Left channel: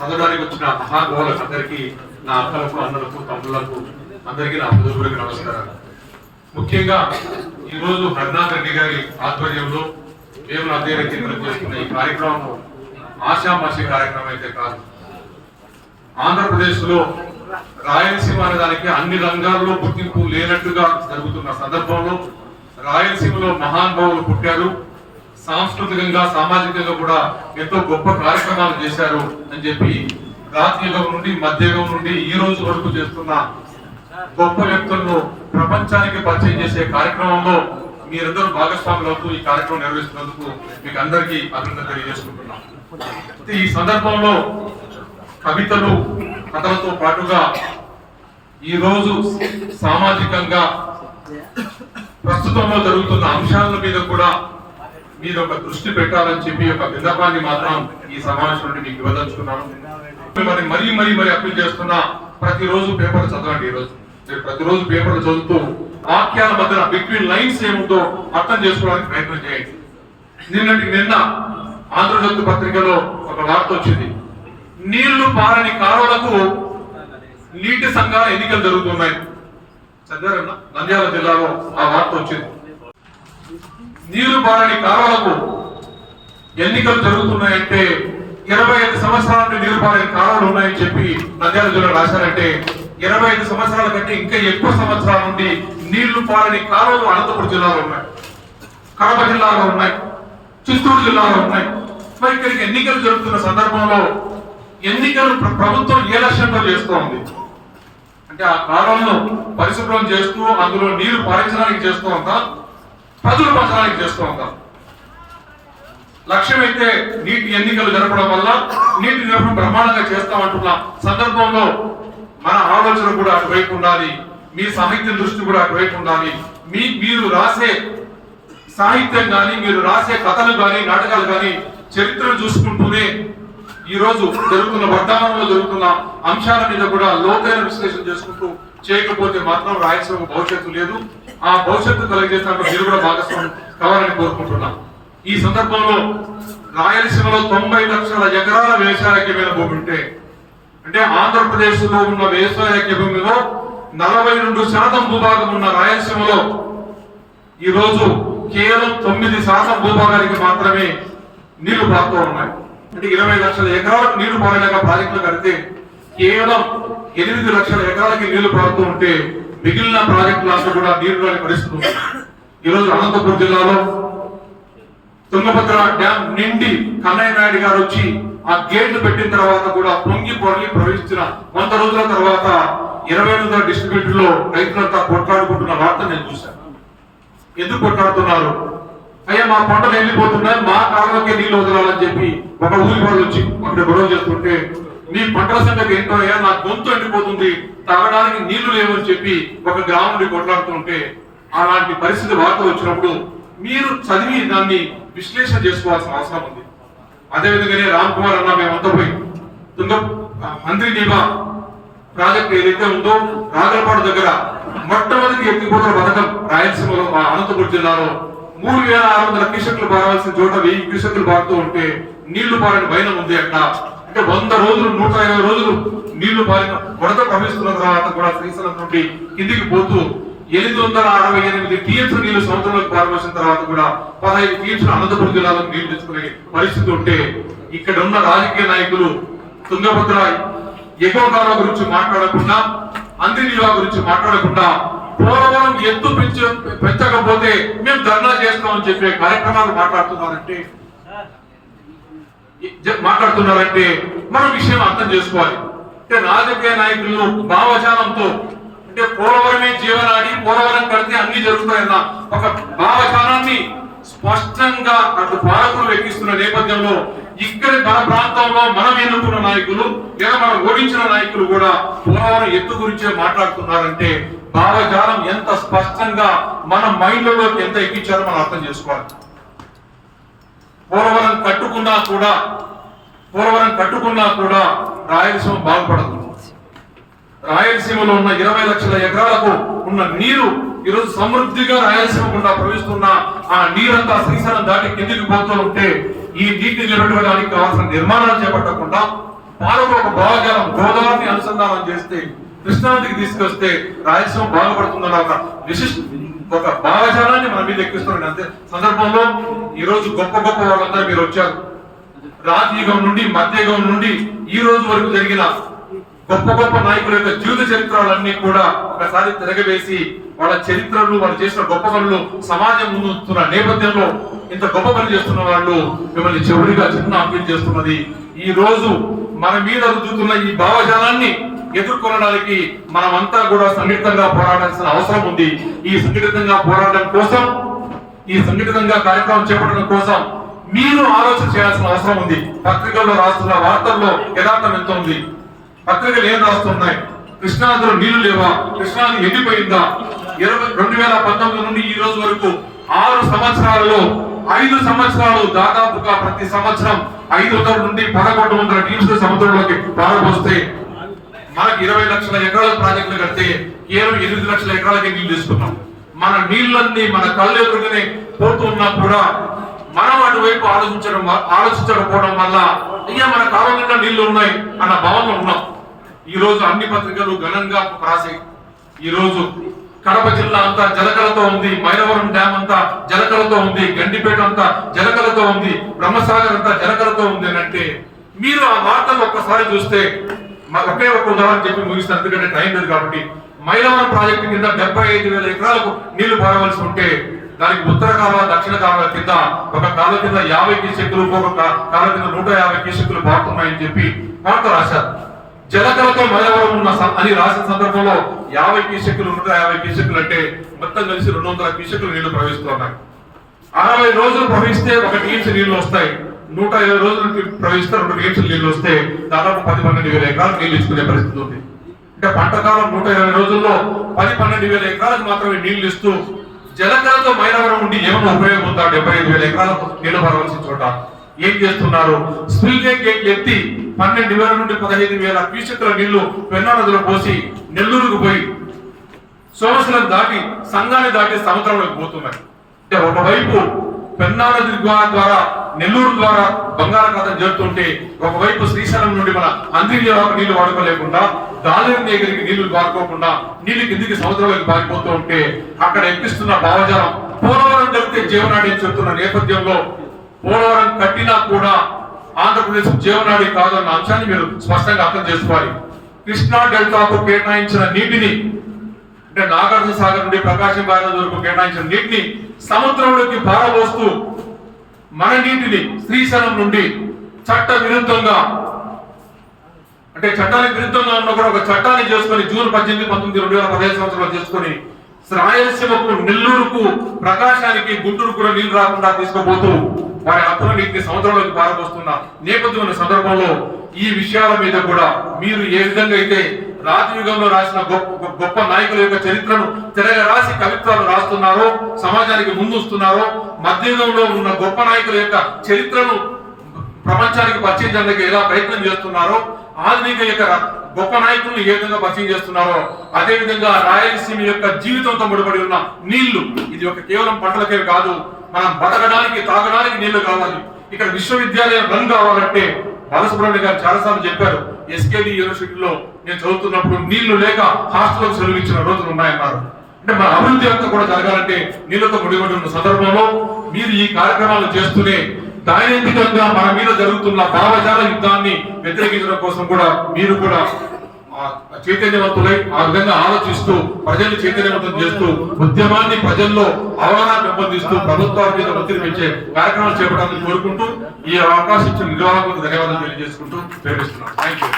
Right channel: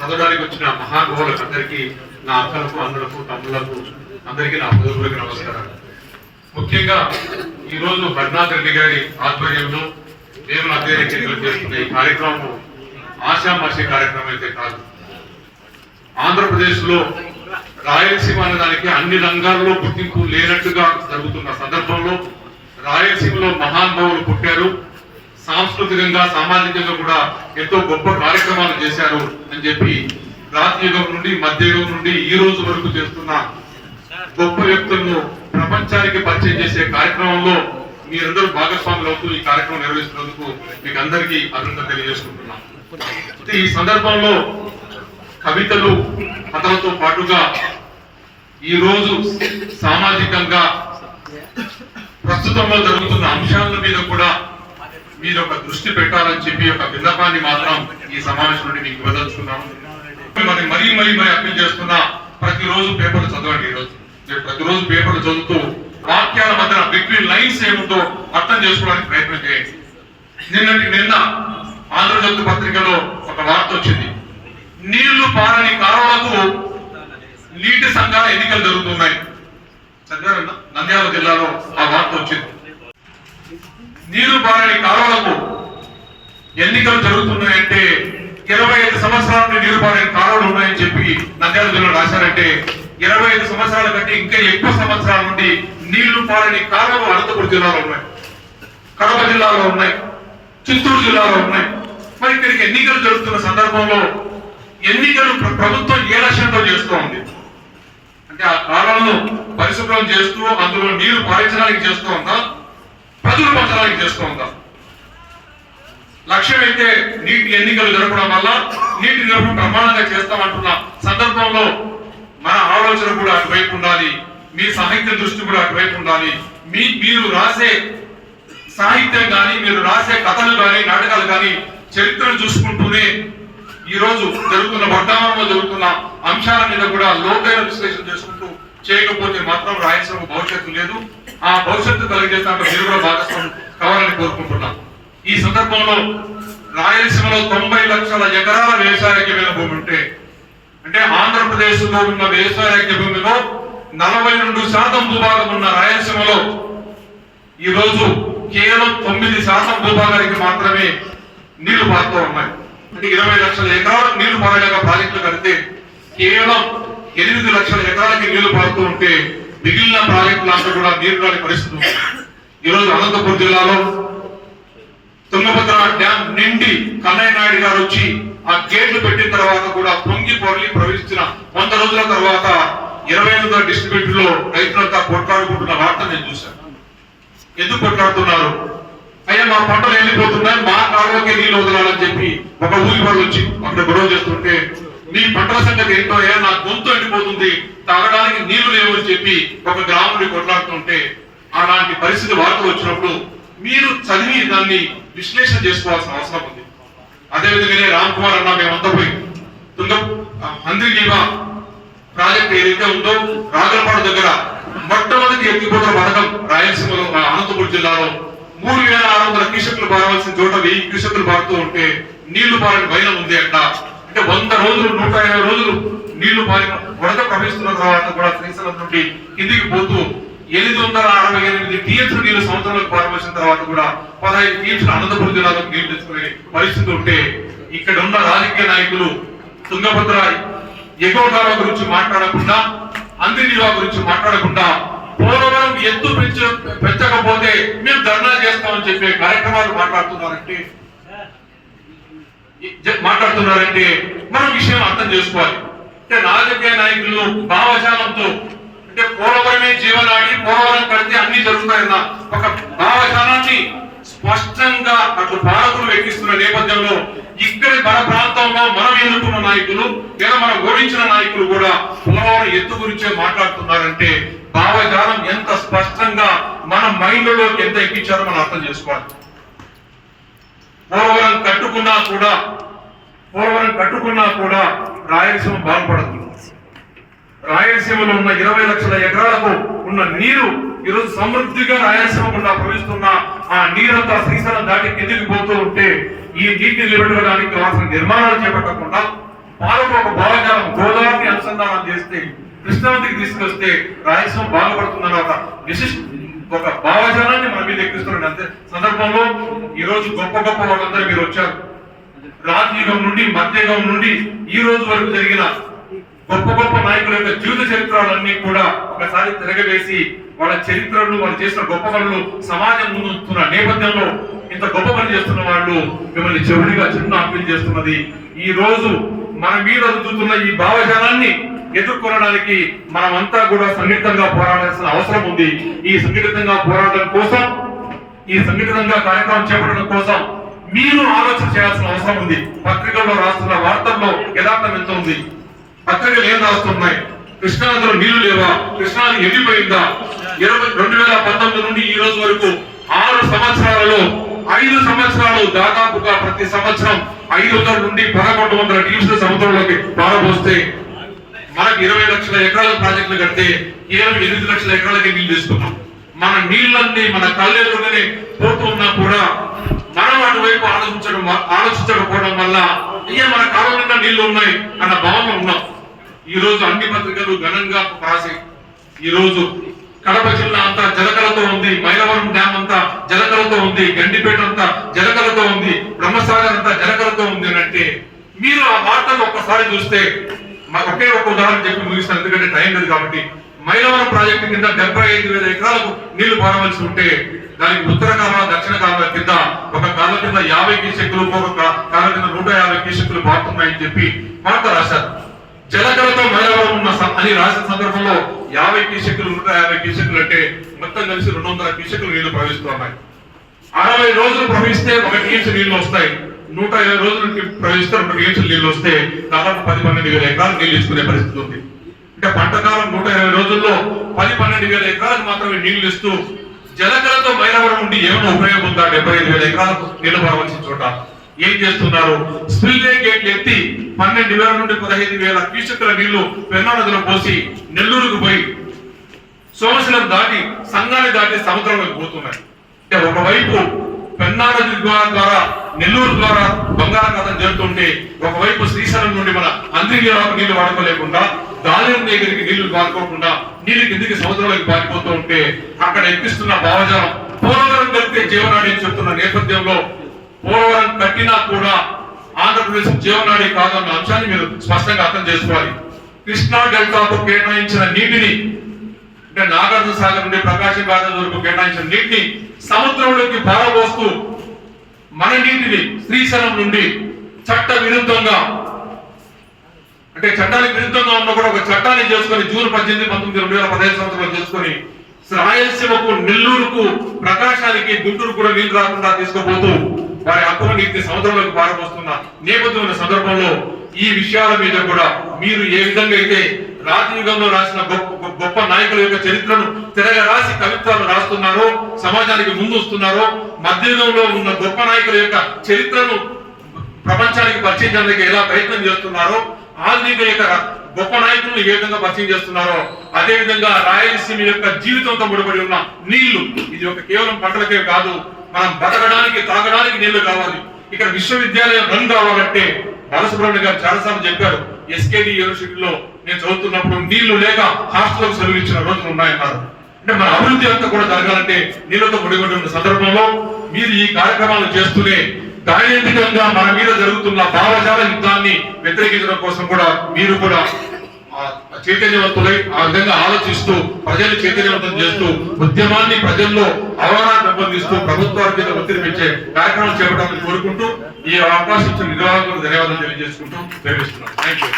చదవడానికి వచ్చిన మహానుభావులకు అందరికీ నా అక్కలకు అన్నలకు తమ్ముళ్ళకు అందరికీ నా హృదయపూర్వక నమస్కారాలు. ముఖ్యంగా ఈ రోజు హరినాథ్ రెడ్డి గారి ఆధ్వర్యంలో మేము అధ్యయనం చేస్తున్న ఈ కార్యక్రమం ఆశామాషి కార్యక్రమం అయితే కాదు. ఆంధ్రప్రదేశ్లో రాయలసీమ అనేదానికి అన్ని రంగాల్లో గుర్తింపు లేనట్టుగా జరుగుతున్న సందర్భంలో రాయలసీమలో మహానుభావులు పుట్టారు. సాంస్కృతికంగా సామాజికంగా కూడా ఎంతో గొప్ప కార్యక్రమాలు చేశారు అని చెప్పి రాత్రియుగం నుండి మధ్యయుగం నుండి ఈ రోజు వరకు చేస్తున్న గొప్ప వ్యక్తులను ప్రపంచానికి పరిచయం చేసే కార్యక్రమంలో మీరందరూ భాగస్వాములు అవుతూ ఈ కార్యక్రమం నిర్వహిస్తున్నందుకు మీకు అందరికీ అభినందన తెలియజేసుకుంటున్నాం. ఈ సందర్భంలో కవితలు కథలతో పాటుగా ఈ రోజు సామాజికంగా ప్రస్తుతంలో జరుగుతున్న అంశాల మీద కూడా మీరు ఒక దృష్టి పెట్టాలని చెప్పి ఒక విన్నపాన్ని మాత్రం ఈ సమావేశం నుండి మీకు ఇవ్వదలుచుకున్నాను. మరి మరీ మరీ మరీ అప్పీల్ చేస్తున్నా ప్రతిరోజు పేపర్లు చదవండి ఈ రోజు మీరు ప్రతిరోజు పేపర్లు చదువుతూ వాక్యాల మధ్యన బిట్వీన్ లైన్స్ ఏముందో అర్థం చేసుకోవడానికి ప్రయత్నం చేయండి. నిన్నటి నిన్న ఆంధ్రజ్యోతి పత్రికలో ఒక వార్త వచ్చింది. నీళ్ళు పారని కాలువలకు నీటి సంఘాల ఎన్నికలు జరుగుతున్నాయి. చదివారన్నా? నంద్యాల జిల్లాలో ఆ వార్త వచ్చింది. నీరు పారని కాలువలకు ఎన్నికలు జరుగుతున్నాయంటే ఇరవై ఐదు సంవత్సరాల నుండి నీరు బారని కాలువలు ఉన్నాయని చెప్పి నంద్యాల జిల్లా రాశారంటే ఇరవై ఐదు సంవత్సరాల కంటే ఇంకా ఎక్కువ సంవత్సరాల నుండి నీళ్ళు పారని కాలువలు అనంతపురం జిల్లాలో ఉన్నాయి. కడప జిల్లాలో ఉన్నాయి. చిత్తూరు జిల్లాలో ఉన్నాయి. మరి ఇక్కడికి ఎన్నికలు జరుగుతున్న సందర్భంలో ఎన్నికలు ప్రభుత్వం ఏ లక్ష్యంతో చేస్తూ ఉంది? అంటే ఆ కాలంలో పరిశుభ్రం చేస్తూ అందులో నీరు పారించడానికి చేస్తూ ఉందా? ప్రజలు పంచడానికి చేస్తూ ఉంటారు లక్ష్యం అయితే నీటి ఎన్నికలు జరపడం వల్ల నీటి నిరపడం బ్రహ్మాండంగా చేస్తామంటున్న సందర్భంలో మన ఆలోచన కూడా అటువైపు ఉండాలి మీ సాహిత్యం దృష్టి కూడా అటువైపు ఉండాలి. మీ మీరు రాసే సాహిత్యం కానీ మీరు రాసే కథలు కానీ నాటకాలు కానీ చరిత్రను చూసుకుంటూనే ఈ రోజు జరుగుతున్న వర్తమానంలో జరుగుతున్న అంశాల మీద కూడా లోకైన విశ్లేషణ చేసుకుంటూ చేయకపోతే మాత్రం రాయలసీమ భవిష్యత్తు లేదు. ఆ భవిష్యత్తు కలిగేస్తాక మీరు కూడా భాగస్వామ్యం కావాలని కోరుకుంటున్నాం. ఈ సందర్భంలో రాయలసీమలో తొంభై లక్షల ఎకరాల వ్యవసాయకమైన భూమి ఉంటే అంటే ఆంధ్రప్రదేశ్లో ఉన్న వ్యవసాయ భూమిలో నలభై రెండు శాతం భూభాగం ఉన్న రాయలసీమలో ఈ రోజు కేవలం తొమ్మిది శాతం భూభాగానికి మాత్రమే నీళ్ళు పారుతూ ఉన్నాయి. అంటే ఇరవై లక్షల ఎకరాలకు నీళ్ళు పారలేక ప్రాజెక్టులు కడితే కేవలం ఎనిమిది లక్షల ఎకరాలకి నీళ్ళు పారుతూ ఉంటే మిగిలిన ప్రాజెక్టులంతా కూడా నీరు రాని పరిస్థితి ఈరోజు అనంతపురం జిల్లాలో తుంగభద్ర డ్యాం నిండి కన్నయ్య నాయుడు గారు వచ్చి ఆ గేట్లు పెట్టిన తర్వాత కూడా పొంగి పొరలి ప్రవేశించిన వంద రోజుల తర్వాత ఇరవై ఎనిమిదో డిస్ట్రిబ్యూట్లో రైతులంతా కొట్లాడుకుంటున్న వార్త నేను చూశాను. ఎందుకు కొట్లాడుతున్నారు? అయ్యా మా పంటలు వెళ్ళిపోతున్నాయి మా కాలువకి నీళ్ళు వదలాలని చెప్పి ఒక ఊరి వాళ్ళు వచ్చి అక్కడ గొడవ చేస్తుంటే నీ పంటల సంగతి ఏంటో నా గొంతు ఎండిపోతుంది. తాగడానికి నీళ్ళు లేవు అని చెప్పి ఒక గ్రామం కొట్లాడుతుంటే అలాంటి పరిస్థితి వార్తలు వచ్చినప్పుడు మీరు చదివి దాన్ని విశ్లేషణ చేసుకోవాల్సిన అవసరం ఉంది. అదేవిధంగానే రామ్ కుమార్ అన్న మేమంతా పోయి తుంగ మంత్రిజీవా ప్రాజెక్ట్ ఏదైతే ఉందో రాగలపాడు దగ్గర మొట్టమొదటి ఎత్తిపోతున్న పథకం రాయలసీమలో అనంతపురం జిల్లాలో మూడు వేల ఆరు వందల క్యూసెక్లు పారవలసిన చోట వెయ్యి క్యూసెక్లు పారుతూ ఉంటే నీళ్ళు పారని భయం ఉంది అంట. అంటే వంద రోజులు నూట ఇరవై రోజులు నీళ్ళు పారిన వరద ప్రవహిస్తున్న తర్వాత కూడా శ్రీశైలం నుండి కిందికి పోతూ ఎనిమిది వందల అరవై ఎనిమిది టీఎంసీ నీళ్ళు సంవత్సరంలోకి పారవలసిన తర్వాత కూడా పదహైదు టీఎంసీ అనంతపురం జిల్లాలో నీళ్ళు తెచ్చుకునే పరిస్థితి ఉంటే ఇక్కడ ఉన్న రాజకీయ నాయకులు తుంగభద్ర ఎగువ కాలువ గురించి మాట్లాడకుండా అందినివా గురించి మాట్లాడకుండా పోలవరం ఎత్తు పెంచ పెంచకపోతే మేము ధర్నా చేస్తామని చెప్పే కార్యక్రమాలు మాట్లాడుతున్నారంటే మాట్లాడుతున్నారంటే మనం విషయం అర్థం చేసుకోవాలి. అంటే రాజకీయ నాయకులు భావజాలంతో అంటే పోలవరమే జీవనాడి పోలవరం కడితే అన్ని జరుగుతాయన్న ఒక భావజాలాన్ని స్పష్టంగా అటు పాలకులు వ్యక్తిస్తున్న నేపథ్యంలో ఇక్కడి మన ప్రాంతంలో మనం ఎన్నుకున్న నాయకులు లేదా మనం ఓడించిన నాయకులు కూడా పోలవరం ఎత్తు గురించే మాట్లాడుతున్నారంటే భావజాలం ఎంత స్పష్టంగా మన మైండ్లోకి ఎంత ఎక్కించారో మనం అర్థం చేసుకోవాలి. పోలవరం కట్టుకున్నా కూడా పోలవరం కట్టుకున్నా కూడా రాయలసీమ బాగుపడదు. రాయలసీమలో ఉన్న ఇరవై లక్షల ఎకరాలకు ఉన్న నీరు ఈరోజు సమృద్ధిగా రాయలసీమ గుండా ప్రవహిస్తున్న ఆ నీరంతా శ్రీశైలం దాటి కిందికి పోతూ ఉంటే ఈ నీటిని నిలబెట్టడానికి కావాల్సిన నిర్మాణాలు చేపట్టకుండా పాలకు ఒక భావజాలం గోదావరిని అనుసంధానం చేస్తే కృష్ణానదికి తీసుకొస్తే రాయలసీమ బాగుపడుతుందన్న ఒక విశిష్ట ఒక భావజాలాన్ని మన మీద ఎక్కిస్తున్నాడు అంతే సందర్భంలో ఈ రోజు గొప్ప గొప్ప వాళ్ళందరూ మీరు వచ్చారు. రాజయుగం నుండి మధ్యయుగం నుండి ఈ రోజు వరకు జరిగిన గొప్ప గొప్ప నాయకుల యొక్క జీవిత చరిత్రలన్నీ కూడా ఒకసారి తిరగవేసి వాళ్ళ చరిత్రలు వాళ్ళు చేసిన గొప్ప పనులు సమాజం ముందుతున్న నేపథ్యంలో ఇంత గొప్ప పని చేస్తున్న వాళ్ళు మిమ్మల్ని చెవుడిగా చిన్న అప్పీల్ చేస్తున్నది. ఈ రోజు మన మీద రుద్దుతున్న ఈ భావజాలాన్ని ఎదుర్కొనడానికి మనమంతా కూడా సంఘటితంగా పోరాడాల్సిన అవసరం ఉంది. ఈ సంఘటితంగా పోరాటం కోసం ఈ సంఘటితంగా కార్యక్రమం చేపట్టడం కోసం మీరు ఆలోచన చేయాల్సిన అవసరం ఉంది. పత్రికల్లో రాస్తున్న వార్తల్లో యథార్థం ఎంత ఉంది? పత్రికలు ఏం రాస్తున్నాయి? కృష్ణానదిలో నీళ్ళు లేవా? కృష్ణానది ఎండిపోయిందా? ఇరవై రెండు వేల పంతొమ్మిది నుండి ఈ రోజు వరకు ఆరు సంవత్సరాలలో ఐదు సంవత్సరాలు దాదాపుగా ప్రతి సంవత్సరం ఐదు వందల నుండి పదకొండు వందల టీమ్స్ సముద్రంలోకి పారబోస్తే మనకి ఇరవై లక్షల ఎకరాల ప్రాజెక్టులు కడితే కేవలం ఎనిమిది లక్షల ఎకరాలకి నీళ్ళు తీసుకున్నాం. మన నీళ్ళన్నీ మన కళ్ళెదురుగానే పోతున్నా కూడా మనం అటువైపు ఆలోచించడం ఆలోచించకపోవడం వల్ల అయ్యా మన కాలం నిండా నీళ్ళు ఉన్నాయి అన్న భావంలో ఉన్నాం. ఈ రోజు అన్ని పత్రికలు ఘనంగా రాసి ఈ రోజు కడప జిల్లా అంతా జలకలతో ఉంది మైలవరం డ్యామ్ అంతా జలకలతో ఉంది గండిపేట అంతా జలకలతో ఉంది బ్రహ్మసాగర్ అంతా జలకలతో ఉంది అని అంటే మీరు ఆ వార్తలు ఒక్కసారి చూస్తే మాకు ఒకే ఒక ఉదాహరణ చెప్పి ముగిస్తాను. ఎందుకంటే టైం లేదు కాబట్టి. మైలవరం ప్రాజెక్టు కింద డెబ్బై ఐదు వేల ఎకరాలకు నీళ్ళు పారవలసి ఉంటే దానికి ఉత్తర కాలువ దక్షిణ కాలువ కింద ఒక కాలువ కింద యాభై క్యూసెక్కులు ఒక కాలువ కింద నూట యాభై క్యూసెక్కులు పారుతున్నాయని చెప్పి వార్త రాశారు. జలకలతో మైలవరం ఉన్న అని రాసిన సందర్భంలో యాభై క్యూసెక్కులు నూట యాభై క్యూసెక్కులు అంటే మొత్తం కలిసి రెండు వందల క్యూసెక్కులు నీళ్ళు ప్రవహిస్తున్నాయి అరవై రోజులు ప్రవహిస్తే ఒక టీమ్స్ నీళ్ళు వస్తాయి. నూట ఇరవై రోజులు ప్రవహిస్తే రెండు టీమ్స్ నీళ్ళు వస్తే దాదాపు పది పన్నెండు వేల ఎకరాలు నీళ్ళు ఇచ్చుకునే పరిస్థితి ఉంది. అంటే పంట కాలం నూట ఇరవై రోజుల్లో పది పన్నెండు వేల ఎకరాలకు మాత్రమే నీళ్ళు ఇస్తూ జలకలతో మైలవరం ఉండి ఏమైనా ఉపయోగం ఉందా డెబ్బై ఐదు వేల ఎకరాలకు నీళ్ళు పరవలసిన చోట. ఏం చేస్తున్నారు? స్పిల్వే గేట్లు ఎత్తి పన్నెండు వేల నుండి పదహైదు వేల క్యూసెక్కుల నీళ్ళు పెన్నా నదిలో పోసి నెల్లూరుకు పోయి సోమశిలం దాటి సంఘాన్ని దాటి సముద్రంలోకి పోతున్నాయి. అంటే ఒకవైపు పెన్నాడ నది ద్వారా ద్వారా నెల్లూరు ద్వారా బంగాళాఖాతం జరుగుతుంటే ఒకవైపు శ్రీశైలం నుండి మన అంద్రియాలకు నీళ్ళు వాడుకోలేకుండా దాని దగ్గరికి నీళ్ళు వాడుకోకుండా నీళ్ళు కిందికి సముద్రంలోకి పారిపోతూ ఉంటే అక్కడ ఎక్కిస్తున్న భావజాలం పోలవరం కలిపితే జీవనాడి అని చెప్తున్న నేపథ్యంలో పోలవరం కట్టినా కూడా ఆంధ్రప్రదేశ్ జీవనాడి కాదన్న అంశాన్ని మీరు స్పష్టంగా అర్థం చేసుకోవాలి. కృష్ణా డెల్టాకు కేటాయించిన నీటిని అంటే నాగార్జున సాగర్ నుండి ప్రకాశం బ్యారేజ్ వరకు కేటాయించిన నీటిని సముద్రంలోకి పారబోస్తూ మన నీటిని శ్రీశైలం నుండి చట్ట విరుద్ధంగా అంటే చట్టానికి విరుద్ధంగా ఉన్న కూడా ఒక చట్టాన్ని చేసుకొని జూన్ పద్దెనిమిది పంతొమ్మిది రెండు వేల పదహైదు సంవత్సరాలు చేసుకొని రాయలసీమకు నెల్లూరుకు ప్రకాశానికి గుంటూరు కూడా నీళ్ళు రాకుండా తీసుకుపోతూ వారి హక్కుల నీటిని సముద్రంలోకి పారబోస్తున్న నేపథ్యం సందర్భంలో ఈ విషయాల మీద కూడా మీరు ఏ విధంగా అయితే రాజయుగంలో రాసిన గొప్ప గొప్ప నాయకుల యొక్క చరిత్రను తిరగ రాసి కవిత్వాలు రాస్తున్నారో సమాజానికి ముందుస్తున్నారో మధ్యయుగంలో ఉన్న గొప్ప నాయకుల యొక్క చరిత్రను ప్రపంచానికి పరిచయం చేయడానికి ఎలా ప్రయత్నం చేస్తున్నారో ఆధునిక యొక్క గొప్ప నాయకులను ఏ విధంగా పరిచయం చేస్తున్నారో అదే విధంగా రాయలసీమ యొక్క జీవితంతో ముడిపడి ఉన్న నీళ్ళు ఇది ఒక కేవలం పంటలకే కాదు మనం బతకడానికి తాగడానికి నీళ్ళు కావాలి. ఇక్కడ విశ్వవిద్యాలయం రన్ కావాలంటే బాలసుబ్రహ్మణ్య గారు చాలాసార్లు చెప్పారు ఎస్కేడి యూనివర్సిటీలో నేను చదువుతున్నప్పుడు నీళ్ళు లేక హాస్టల్కి సెలవు ఇచ్చిన రోజులు ఉన్నాయన్నారు. అంటే మన అభివృద్ధి అంతా కూడా జరగాలంటే నీళ్ళతో ముడిపడి ఉన్న సందర్భంలో మీరు ఈ కార్యక్రమాలు చేస్తూనే దైనందికంగా మన మీద జరుగుతున్న భావజాల యుద్ధాన్ని వ్యతిరేకించడం కోసం కూడా మీరు కూడా చైతన్యవంతులై ఆ విధంగా ఆలోచిస్తూ ప్రజలు చైతన్యవంతం చేస్తూ ఉద్యమాన్ని ప్రజల్లో అవగాహన పెంపొందిస్తూ ప్రభుత్వాల మీద ఒత్తిడి పెంచే కార్యక్రమాలు చేపట్టాలని కోరుకుంటూ ఈ అవకాశం ఇచ్చిన నిర్వాహకులకు ధన్యవాదాలు తెలియజేసుకుంటూ ప్రేమిస్తున్నాను థ్యాంక్ యూ